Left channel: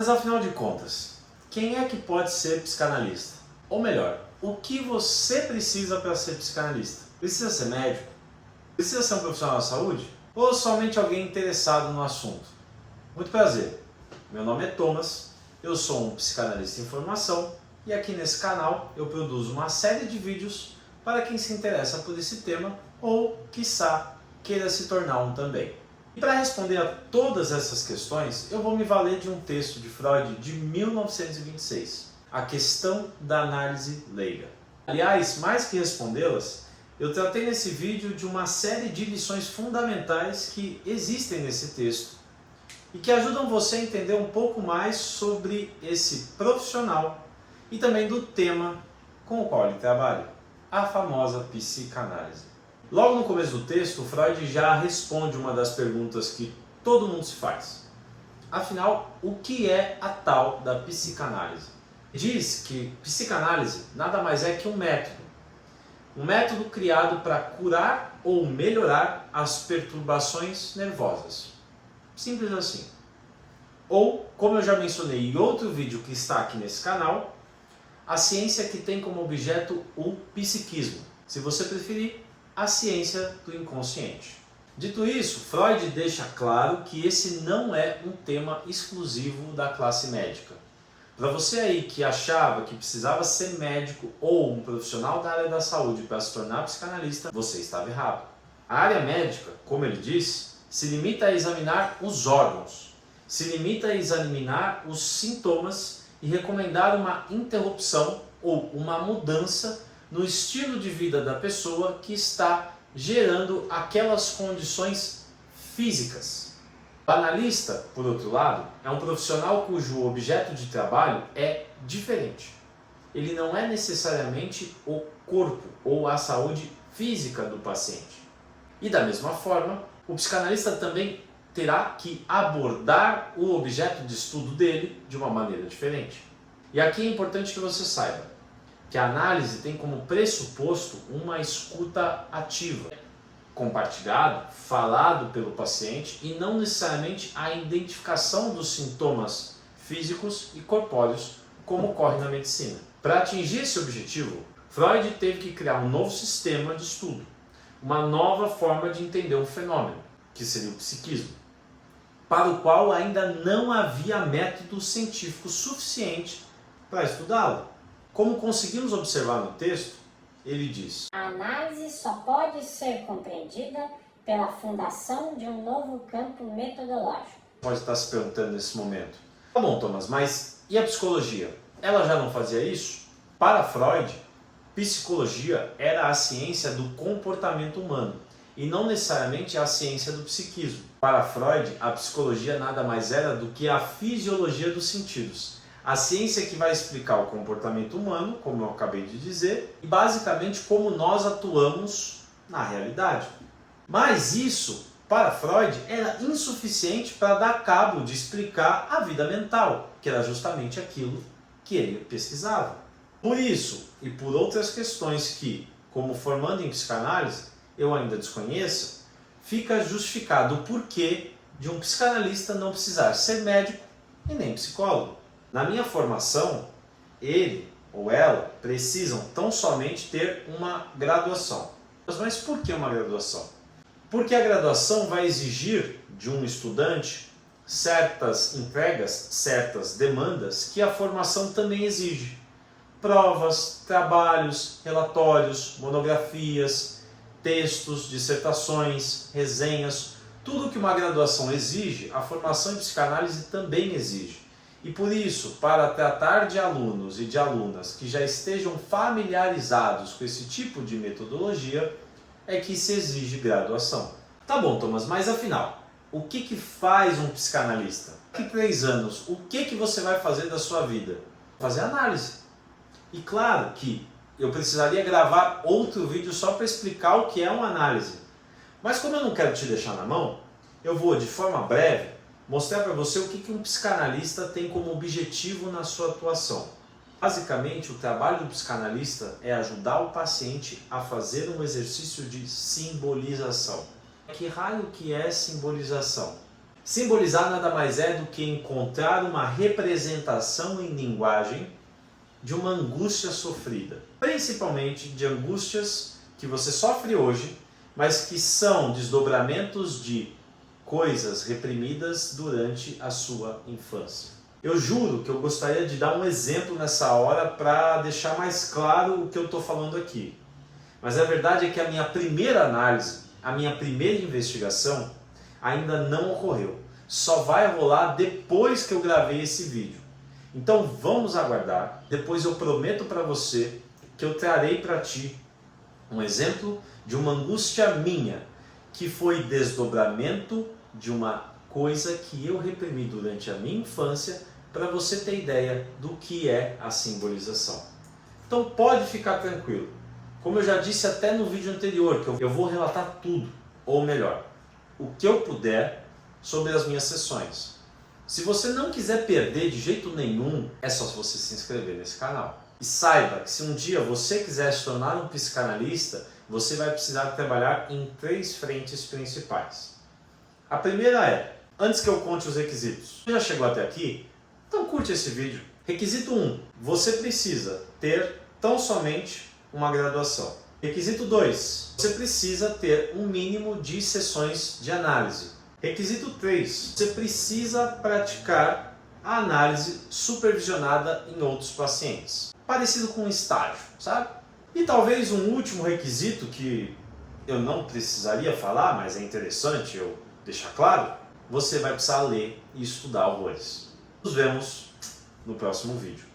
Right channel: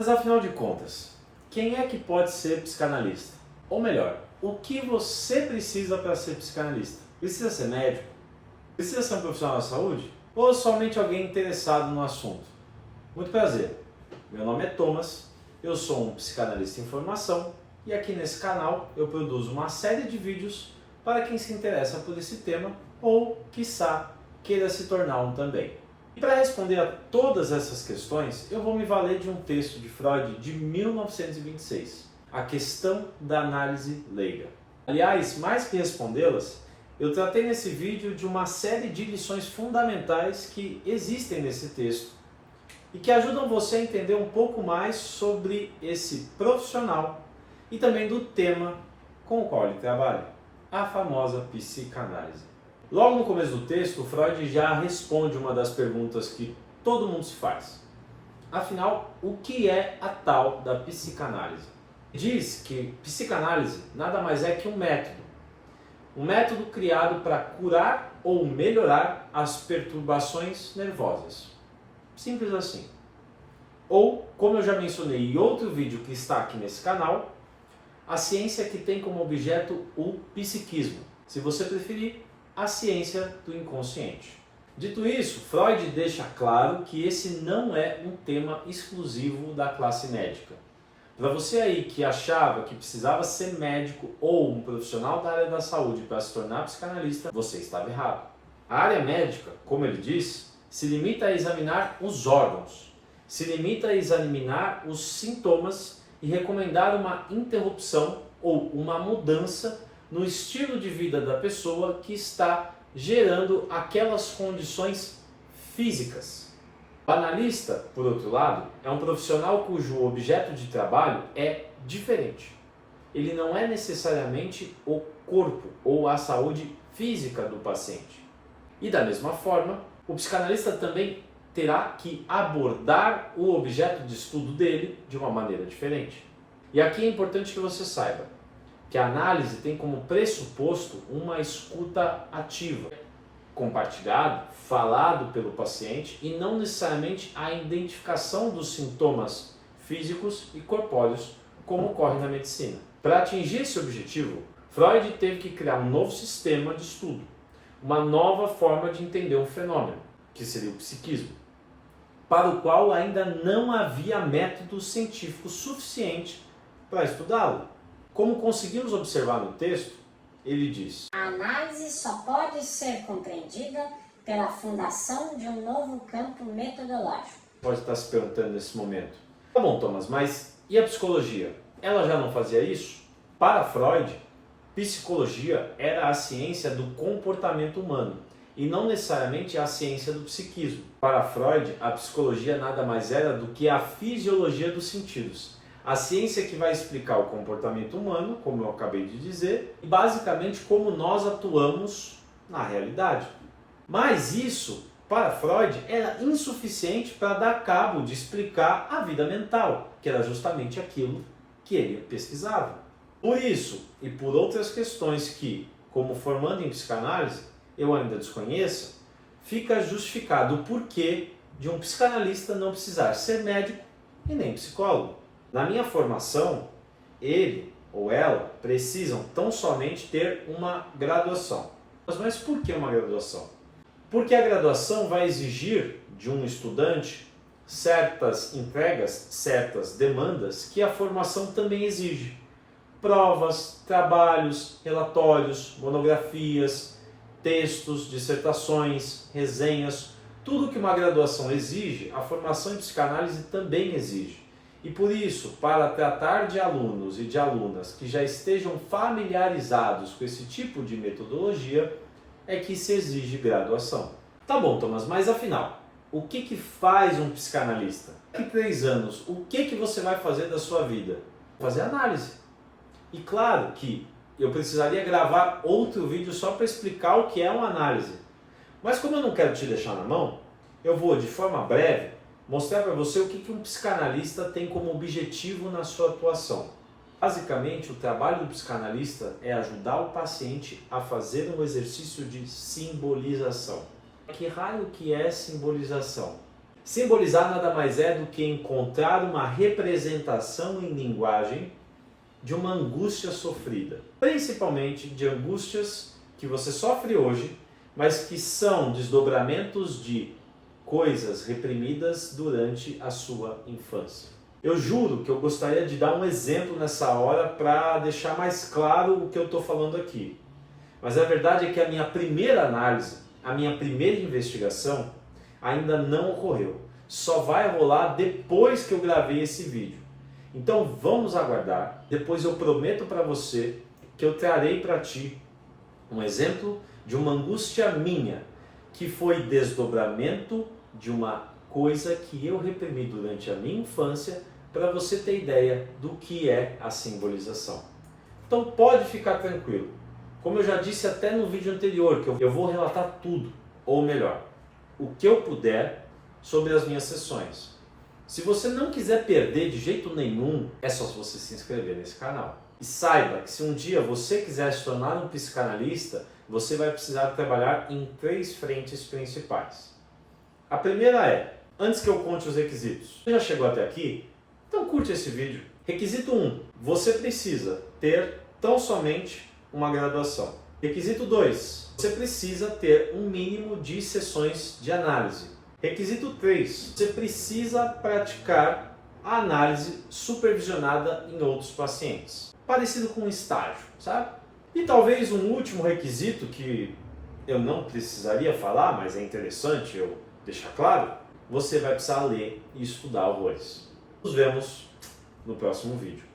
Mas afinal de contas, quem é que pode ser psicanalista? Ou melhor, o que você precisa para ser psicanalista? Precisa ser médico? Precisa ser um profissional da saúde? Ou somente alguém interessado no assunto? Muito prazer, meu nome é Thomas, eu sou um psicanalista em formação e aqui nesse canal eu produzo uma série de vídeos para quem se interessa por esse tema ou, quiçá, queira se tornar um também. E para responder a todas essas questões, eu vou me valer de um texto de Freud de 1926, A Questão da Análise Leiga. Aliás, mais que respondê-las, eu tratei nesse vídeo de uma série de lições fundamentais que existem nesse texto e que ajudam você a entender um pouco mais sobre esse profissional e também do tema com o qual ele trabalha, a famosa psicanálise. Logo no começo do texto, Freud já responde uma das perguntas que todo mundo se faz. Afinal, o que é a tal da psicanálise? Diz que psicanálise nada mais é que um método criado para curar ou melhorar as perturbações nervosas. Simples assim. Ou, como eu já mencionei em outro vídeo que está aqui nesse canal, a ciência que tem como objeto o psiquismo. Se você preferir, a ciência do inconsciente. Dito isso, Freud deixa claro que esse não é um tema exclusivo da classe médica. Para você aí que achava que precisava ser médico ou um profissional da área da saúde para se tornar psicanalista, você estava errado. A área médica, como ele diz, se limita a examinar os órgãos, se limita a examinar os sintomas e recomendar uma interrupção ou uma mudança no estilo de vida da pessoa que está gerando aquelas condições físicas. O analista, por outro lado, é um profissional cujo objeto de trabalho é diferente. Ele não é necessariamente o corpo ou a saúde física do paciente. E da mesma forma, o psicanalista também terá que abordar o objeto de estudo dele de uma maneira diferente. E aqui é importante que você saiba que a análise tem como pressuposto uma escuta ativa, compartilhado, falado pelo paciente e não necessariamente a identificação dos sintomas físicos e corpóreos, como ocorre na medicina. Para atingir esse objetivo, Freud teve que criar um novo sistema de estudo, uma nova forma de entender um fenômeno, que seria o psiquismo, para o qual ainda não havia método científico suficiente para estudá-lo. Como conseguimos observar no texto, ele diz: a análise só pode ser compreendida pela fundação de um novo campo metodológico. Pode estar se perguntando nesse momento: tá bom, Thomas, mas e a psicologia? Ela já não fazia isso? Para Freud, psicologia era a ciência do comportamento humano e não necessariamente a ciência do psiquismo. Para Freud, a psicologia nada mais era do que a fisiologia dos sentidos. A ciência que vai explicar o comportamento humano, como eu acabei de dizer, e basicamente como nós atuamos na realidade. Mas isso, para Freud, era insuficiente para dar cabo de explicar a vida mental, que era justamente aquilo que ele pesquisava. Por isso, e por outras questões que, como formando em psicanálise, eu ainda desconheço, fica justificado o porquê de um psicanalista não precisar ser médico e nem psicólogo. Na minha formação, ele ou ela precisam tão somente ter uma graduação. Mas por que uma graduação? Porque a graduação vai exigir de um estudante certas entregas, certas demandas que a formação também exige. Provas, trabalhos, relatórios, monografias, textos, dissertações, resenhas, tudo que uma graduação exige, a formação em psicanálise também exige. E por isso, para tratar de alunos e de alunas que já estejam familiarizados com esse tipo de metodologia, é que se exige graduação. Tá bom, Thomas, mas afinal, o que faz um psicanalista? Daqui 3 anos, o que você vai fazer da sua vida? Fazer análise. E claro que eu precisaria gravar outro vídeo só para explicar o que é uma análise. Mas como eu não quero te deixar na mão, eu vou, de forma breve, mostrar para você o que um psicanalista tem como objetivo na sua atuação. Basicamente, o trabalho do psicanalista é ajudar o paciente a fazer um exercício de simbolização. Que raio que é simbolização? Simbolizar nada mais é do que encontrar uma representação em linguagem de uma angústia sofrida, principalmente de angústias que você sofre hoje, mas que são desdobramentos de coisas reprimidas durante a sua infância. Eu juro que eu gostaria de dar um exemplo nessa hora para deixar mais claro o que eu estou falando aqui. Mas a verdade é que a minha primeira análise, a minha primeira investigação ainda não ocorreu. Só vai rolar depois que eu gravei esse vídeo. Então vamos aguardar. Depois eu prometo para você que eu trarei para ti um exemplo de uma angústia minha, que foi desdobramento de uma coisa que eu reprimi durante a minha infância, para você ter ideia do que é a simbolização. Então pode ficar tranquilo. Como eu já disse até no vídeo anterior, que eu vou relatar tudo, ou melhor, o que eu puder sobre as minhas sessões. Se você não quiser perder de jeito nenhum, é só você se inscrever nesse canal. E saiba que se um dia você quiser se tornar um psicanalista, você vai precisar trabalhar em 3 frentes principais. A primeira é, antes que eu conte os requisitos, você já chegou até aqui? Então curte esse vídeo. Requisito 1, você precisa ter tão somente uma graduação. Requisito 2, você precisa ter um mínimo de sessões de análise. Requisito 3, você precisa praticar a análise supervisionada em outros pacientes. Parecido com um estágio, sabe? E talvez um último requisito que eu não precisaria falar, mas é interessante eu deixar claro, você vai precisar ler e estudar horrores. Nos vemos no próximo vídeo.